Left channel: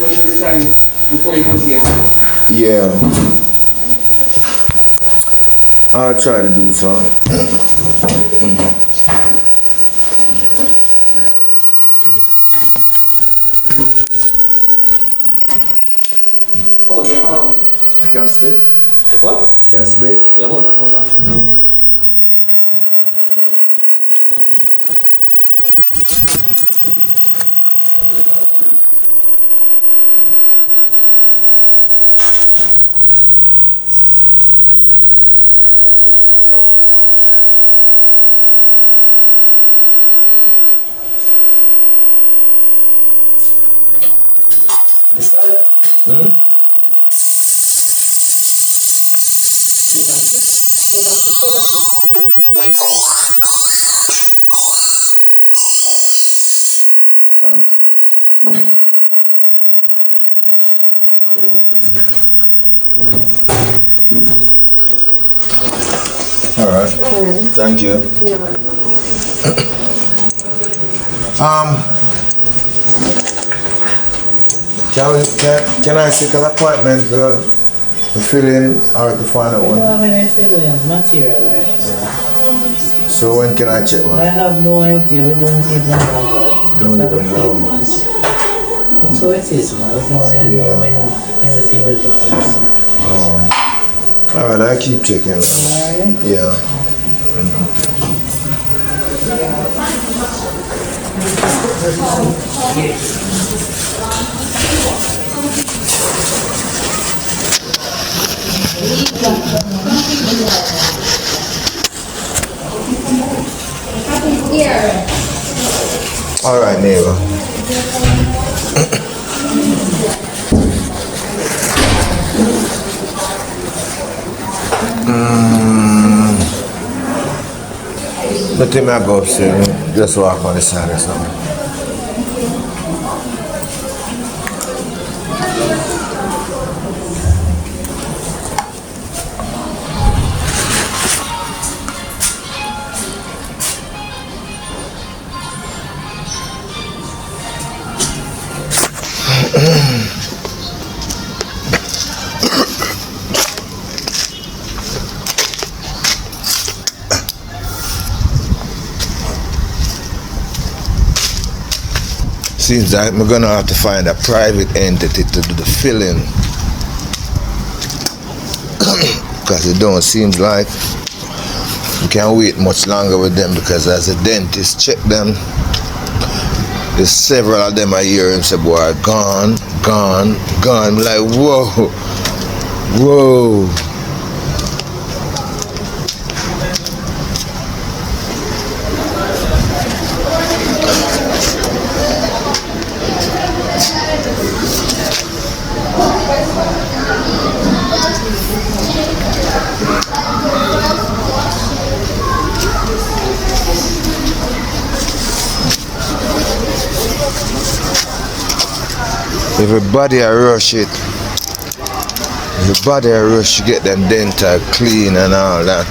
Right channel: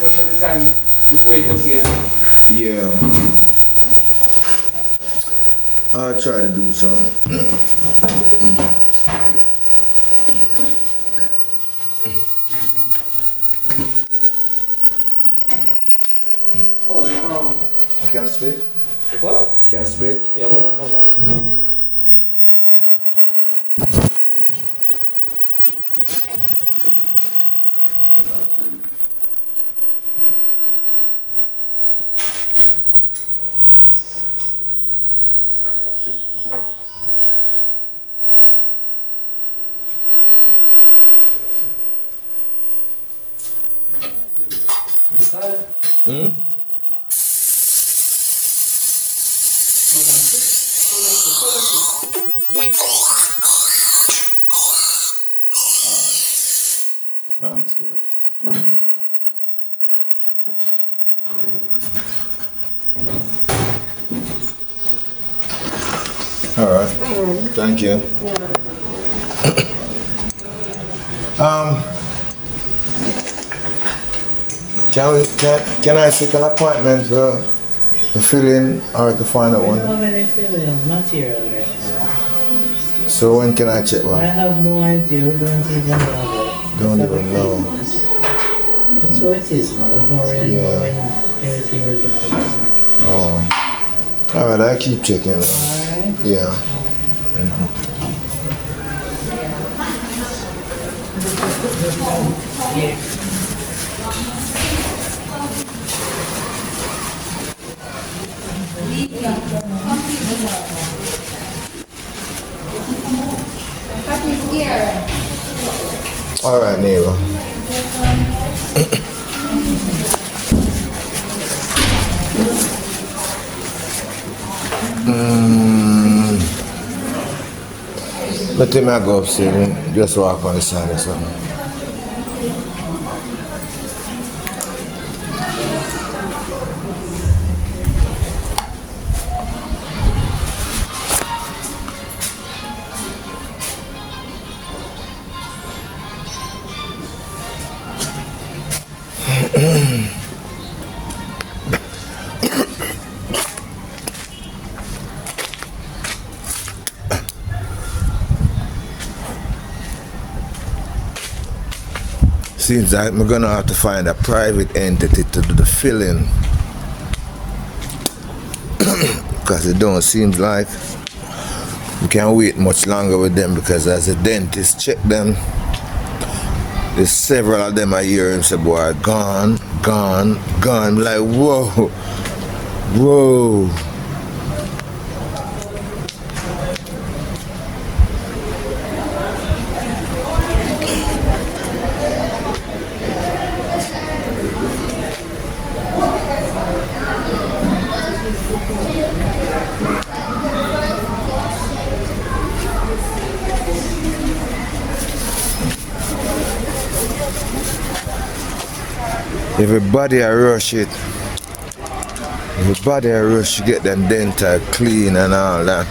most of the time before you come here. Yeah. I'll try to do so. Oh, Can I spit? the what? Can I spit? Yeah, hold on. This side? Hmm? Thanks. All right. Thank you. Can I seek an appointment to fill in or to find out I one? don't have any feelings material right now. So when can I check I one? have no idea. We don't even know. Don't even know. That's how it is, man. I don't really know anything with the place. Oh. All right, I keep checking. Alright. Yeah. All right, neighbor. Let me go upstairs. Just walk on the side or something. Seems like we're gonna have to find a private entity to do the filling. Because it don't seem like we can't wait much longer with them, because as a dentist check them, there's several of them I hear him say, boy, gone. I'm like, whoa. Everybody I rush it. Everybody I rush to get them dental clean and all that.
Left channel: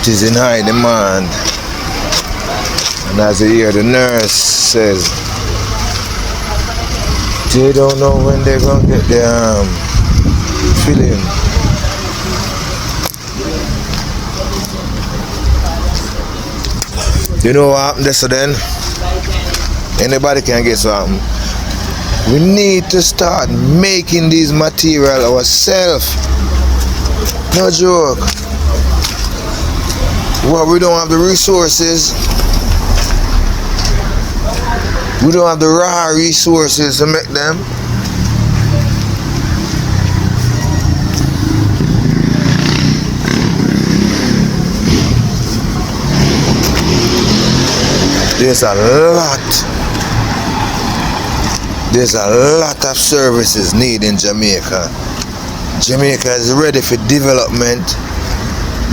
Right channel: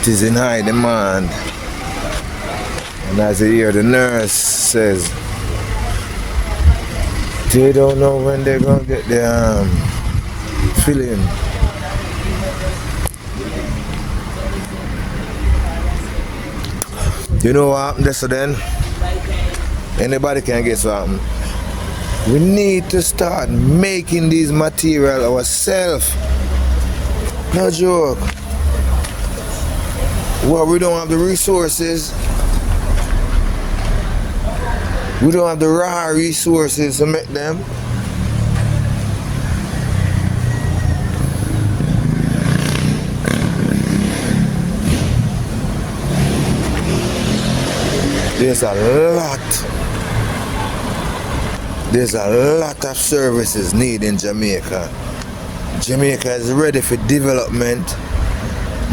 It is in high demand. And as you hear the nurse says, they don't know when they're gonna get their filling. You know what happened this then? Anybody can guess what happened. We need to start making these material ourselves. No joke. Well, we don't have the resources. We don't have the raw resources to make them. There's a lot of services needed in Jamaica. Jamaica is ready for development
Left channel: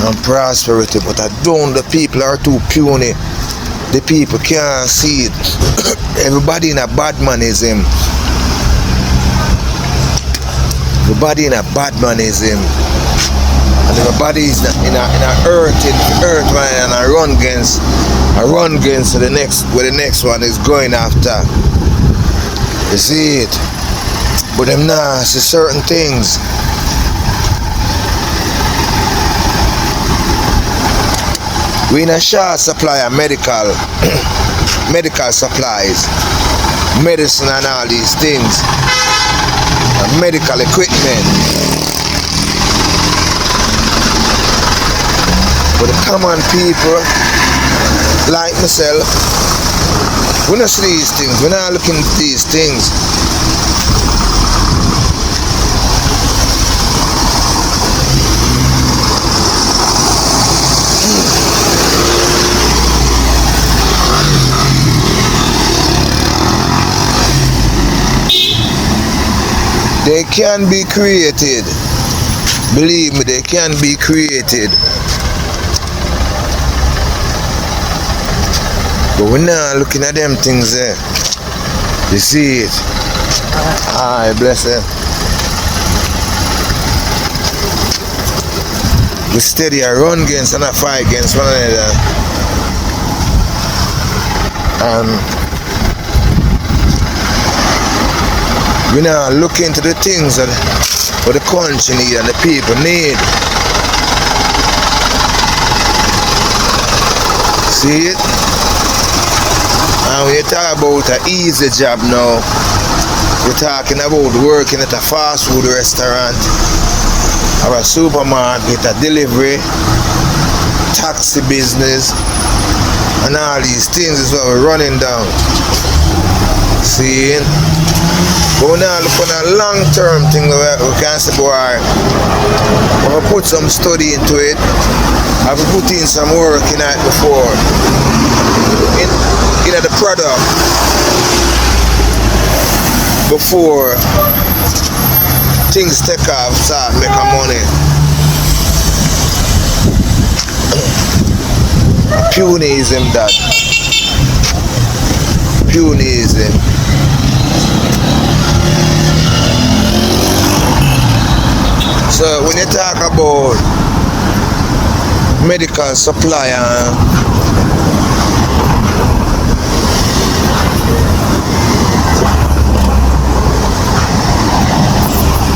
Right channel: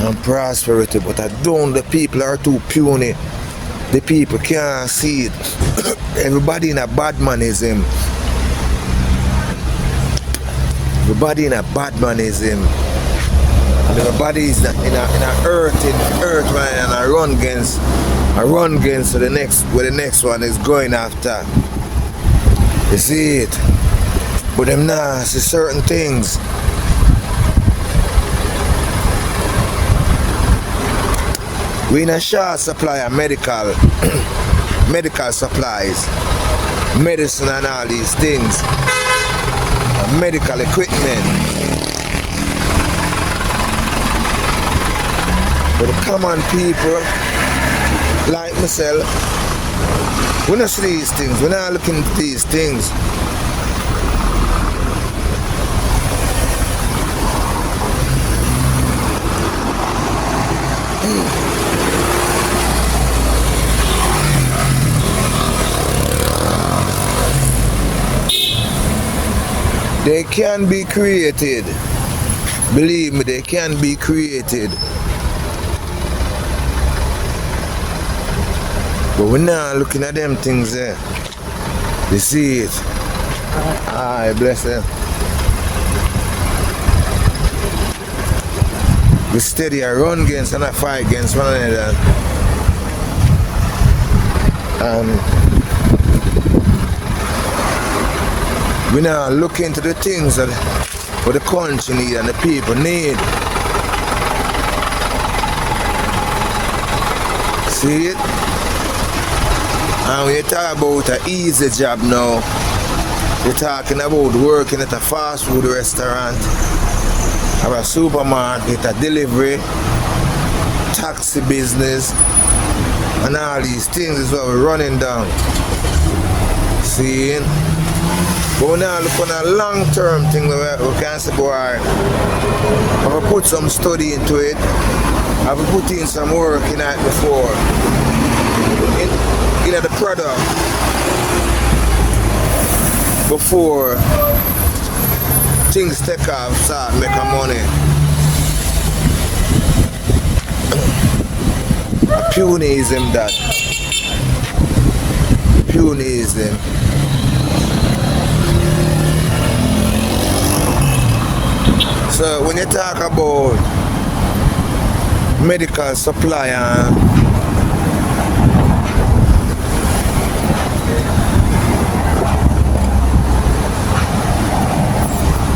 and prosperity, but I don't, the people are too puny. The people can't see it. Everybody in a bad manism. Everybody in a bad manism. And everybody is in a earth line, and I run against the next, where the next one is going after. You see it? But them nah see certain things. We in a short supply of medical medical supplies, medicine and all these things, and medical equipment. But the common people like myself, we not see these things, we're not looking at these things. They can be created. Believe me, they can be created. But we're not looking at them things there. You see it? Aye, bless them. We steady a run against and a fight against one another. We now look into the things that what the country need and the people need. See it? And when you talk about an easy job now, we're talking about working at a fast food restaurant, or a supermarket, a delivery, taxi business, and all these things is what we're running down. See it? But we now look on a long-term thing where we can say, boy, I've put some study into it. I've put in some work in it before. In the product. Before things take off, start making money. Punism that. Punism. So when you talk about medical supply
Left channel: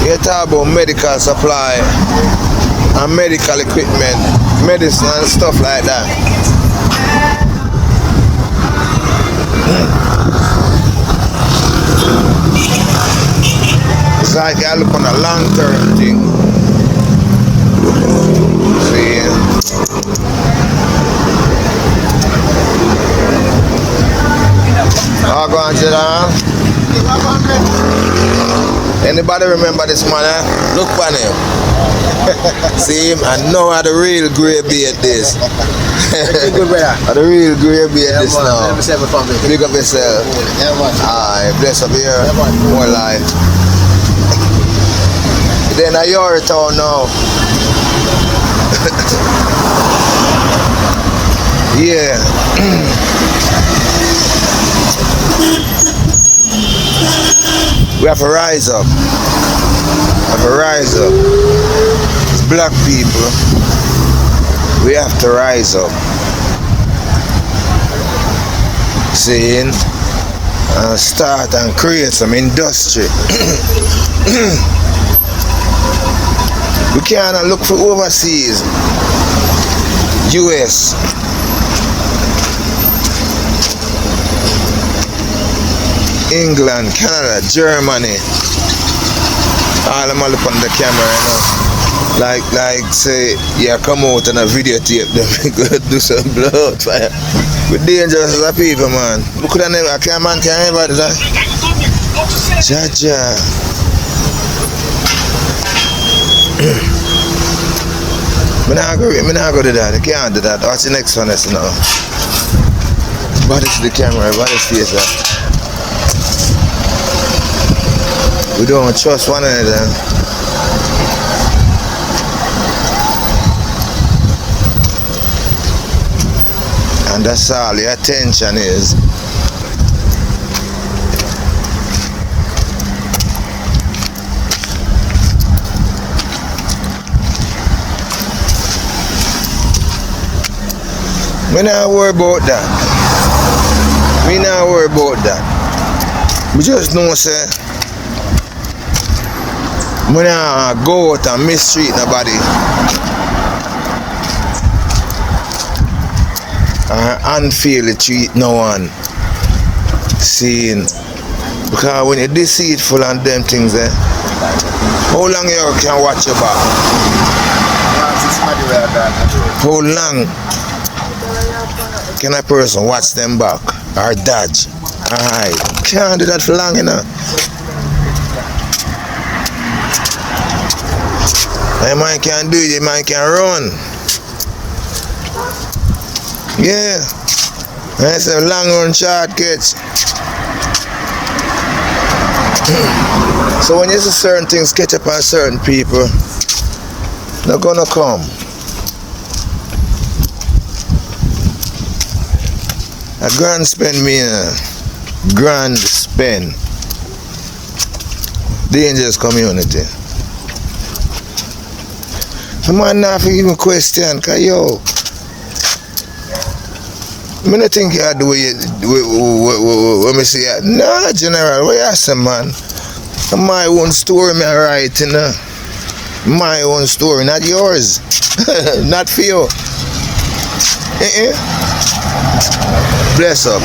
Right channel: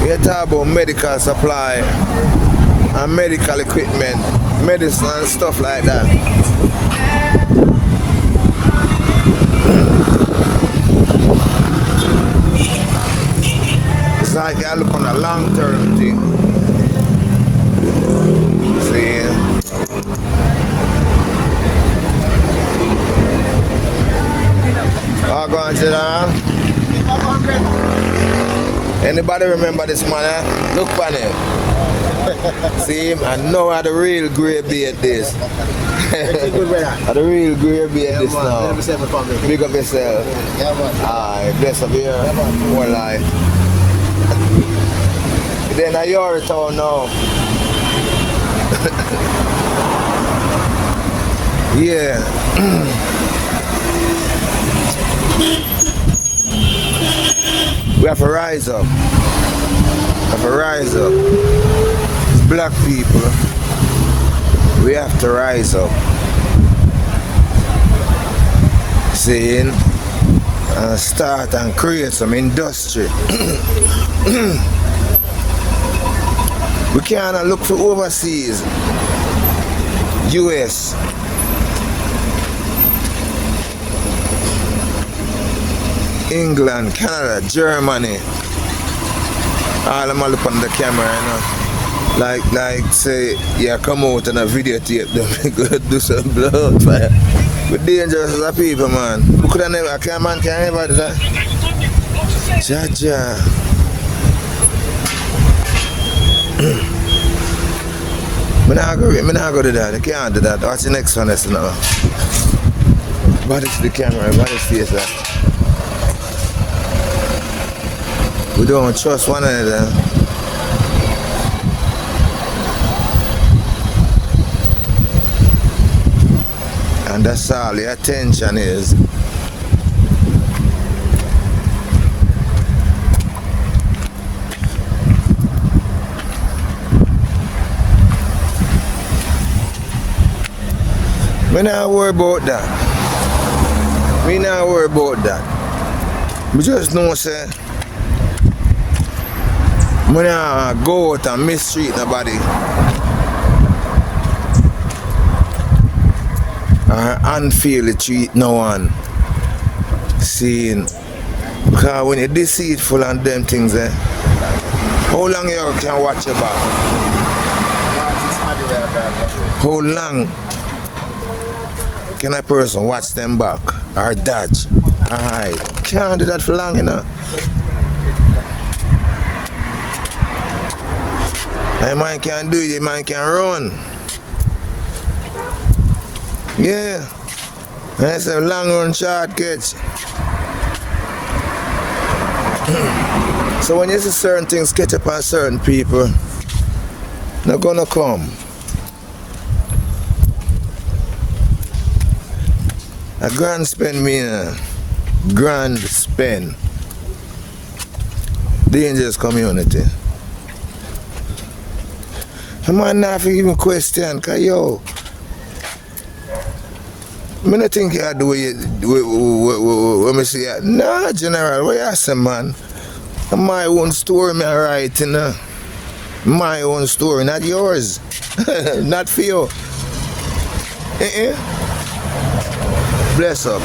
you talk about medical supply and medical equipment, medicine and stuff like that. It's like you look on a long-term thing. Anybody remember this man? Eh? Look for him. See him? I know how the real grey beard this. Good brother. How the real grey beard this man. now. Big up yourself. Aye, bless up here. More life. Then I your town now. Yeah. We have to rise up. We have to rise up. As black people, we have to rise up. Saying, and start and create some industry. We cannot look for overseas. US. England, Canada, Germany. All of them look on the camera, you know. Like say, yeah, come out on a videotape, go do some blood fire. We're dangerous as a people, man. We could have never, a man can't never do that. Jaja. I'm not go to that. You can't do that. What's the next one, that's now? What is the camera? What is this? We don't trust one another. And that's all your attention is. We not worry about that. We not worry about that. We just know, say, When I go out and mistreat nobody, I unfairly treat no one. Seeing, because when you're deceitful and them things, how long you can watch your back? How long can a person watch them back or dodge? Alright, can't do that for long enough. A man can do it, a man can run. Yeah. I say long run short catch. So when you see certain things catch up on certain people, they're gonna come. A grand spend mean grand spend. Dangerous community. The man not even question, cause yo, I don't think you do what me say. Nah, General, what you say, man? My own story me writing. My own story, not yours. Not for you. Bless up.